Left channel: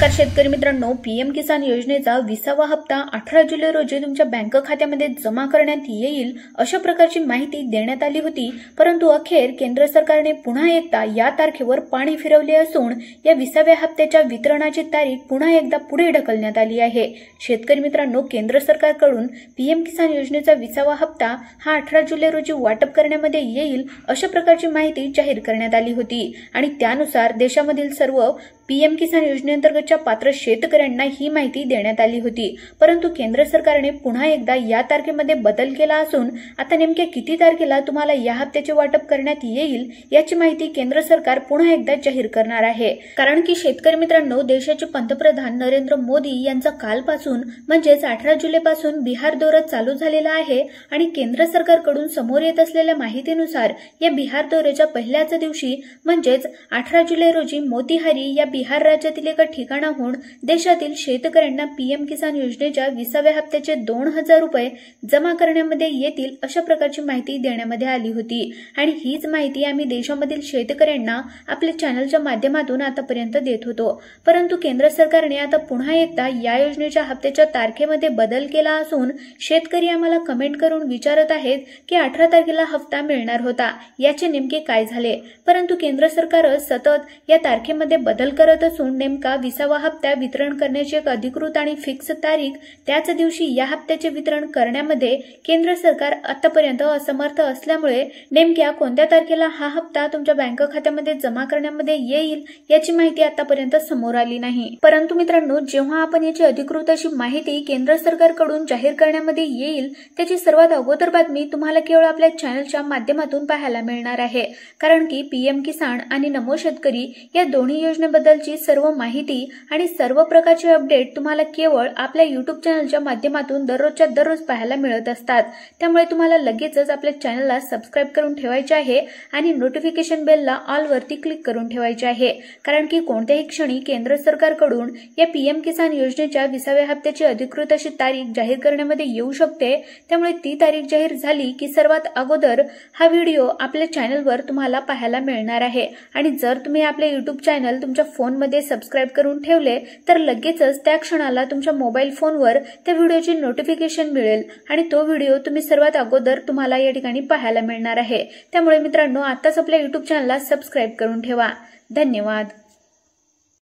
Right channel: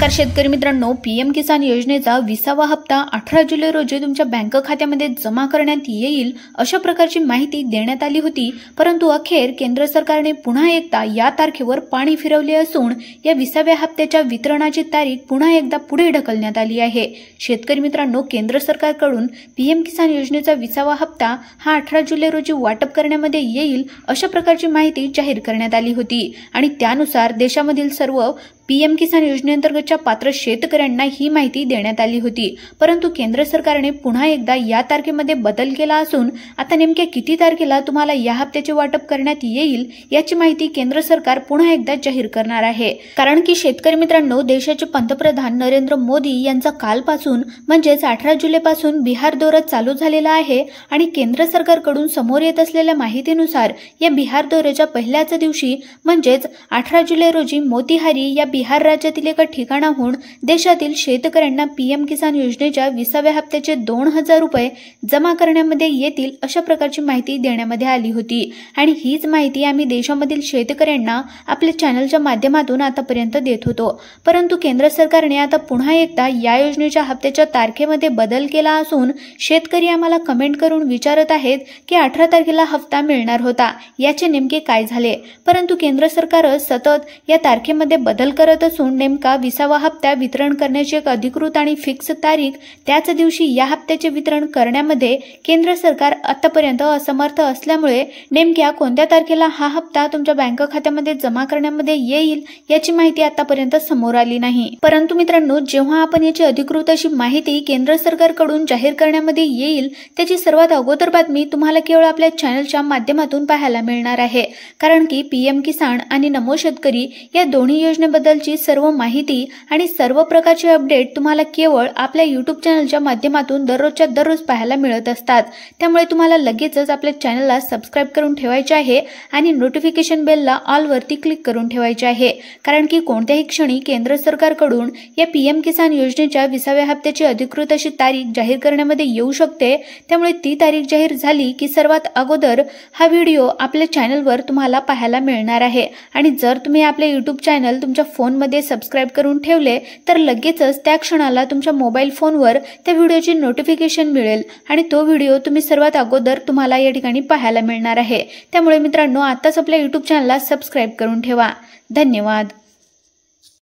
नमस्कार शेतकरी मित्रांनो, पीएम किसान योजनेचा 20वा हप्ता 18 जुलै रोजी तुमच्या बँक खात्यामध्ये जमा करण्यात येईल अशा प्रकारची माहिती देण्यात आली होती। परंतु अखेर केंद्र सरकारने पुन्हा एकदा या तारखेवर पाणी फिरवले असून या 20व्या हप्त्याच्या वितरणाची तारीख पुन्हा एकदा पुढे ढकलण्यात आली आहे। शेतकरी मित्रांनो, केंद्र सरकारकडून पीएम किसान योजनेचा 20वा हप्ता हा 18 जुलै रोजी वाटप करण्यामध्ये येईल अशा प्रकारची माहिती जाहीर करण्यात आली होती आणि त्यानुसार देशामधील सर्व पीएम किसान योजनेअंतर्गतच्या पात्र शेतकऱ्यांना ही माहिती देण्यात आली होती। परंतु केंद्र सरकारने पुन्हा एकदा या तारखेमध्ये बदल केला असून आता नेमके किती तारखेला तुम्हाला या हप्त्याचे वाटप करण्यात येईल याची माहिती केंद्र सरकार पुन्हा एकदा जाहीर करणार आहे। कारण की शेतकरी मित्रांनो, देशाचे पंतप्रधान नरेंद्र मोदी यांचा कालपासून म्हणजेच 18 जुलैपासून बिहार दौरा चालू झालेला आहे आणि केंद्र सरकारकडून समोर येत असलेल्या माहितीनुसार या बिहार दौऱ्याच्या पहिल्याच दिवशी म्हणजेच 18 जुलै रोजी मोतीहारी या बिहार राज्यातील एका ठिकाणाहून देशातील शेतकऱ्यांना पीएम किसान योजनेच्या 20व्या हप्त्याचे 2000 रुपये जमा करण्यामध्ये येतील अशा प्रकारची माहिती देण्यामध्ये आली होती आणि हीच माहिती आम्ही देशामधील शेतकऱ्यांना आपल्या चॅनलच्या माध्यमातून आतापर्यंत देत होतो। परंतु केंद्र सरकारने आता पुन्हा एकदा या योजनेच्या हप्त्याच्या तारखेमध्ये बदल केला असून शेतकरी आम्हाला कमेंट करून विचारत आहेत की 18 तारखेला हप्ता मिळणार होता, याचे नेमके काय झाले। परंतु केंद्र सरकार सतत या तारखेमध्ये बदल करत असून नेमका 20वा हप्ता वितरण करण्याची एक अधिकृत आणि फिक्स तारीख त्याच दिवशी या हप्त्याचे वितरण करण्यामध्ये केंद्र सरकार आतापर्यंत असमर्थ असल्यामुळे नेमक्या कोणत्या तारखेला हा हप्ता तुमच्या बँक खात्यामध्ये जमा करण्यामध्ये येईल याची माहिती आतापर्यंत समोर आली नाही। परंतु मित्रांनो, जेव्हा आपण याची अधिकृत अशी माहिती केंद्र सरकारकडून जाहीर करण्यामध्ये येईल त्याची सर्वात अगोदर बातमी तुम्हाला केवळ आपल्या चॅनलच्या माध्यमातून पाहायला मिळणार आहे। कारण की पीएम किसान आणि नमो शेतकरी या दोन्ही योजनेबद्दलची सर्व माहिती आणि सर्व प्रकारचे अपडेट तुम्हाला केवळ आपल्या YouTube चॅनलच्या माध्यमातून दररोजच्या दररोज पाहायला मिळत असतात। त्यामुळे तुम्हाला लगेचच आपल्या चॅनलला सबस्क्राइब करून ठेवायचे आहे आणि नोटिफिकेशन बेलला ऑल वरती क्लिक करून ठेवायचे आहे। कारण की कोणत्याही क्षणी केंद्र सरकारकडून या पीएम किसान योजनेच्या 20व्या हप्त्याची अधिकृत अशी तारीख जाहीर करण्यामध्ये येऊ शकते। त्यामुळे ती तारीख जाहीर झाली की सर्वात अगोदर हा व्हिडिओ आपल्या चॅनलवर तुम्हाला पाहायला मिळणार आहे आणि जर तुम्ही आपले YouTube चॅनल तुमच्या फोनमध्ये सबस्क्राइब करून ठेवले तर लगेचच त्या क्षणाला तुमच्या मोबाईल फोनवर त्या व्हिडिओची नोटिफिकेशन मिळेल आणि तो व्हिडिओ तुम्ही सर्वात अगोदर तुम्हाला या ठिकाणी पाहायला मिळणार आहे। त्यामुळे मित्रांनो, आताच आपल्या YouTube चॅनलला सबस्क्राइब करून ठेवा। धन्यवाद।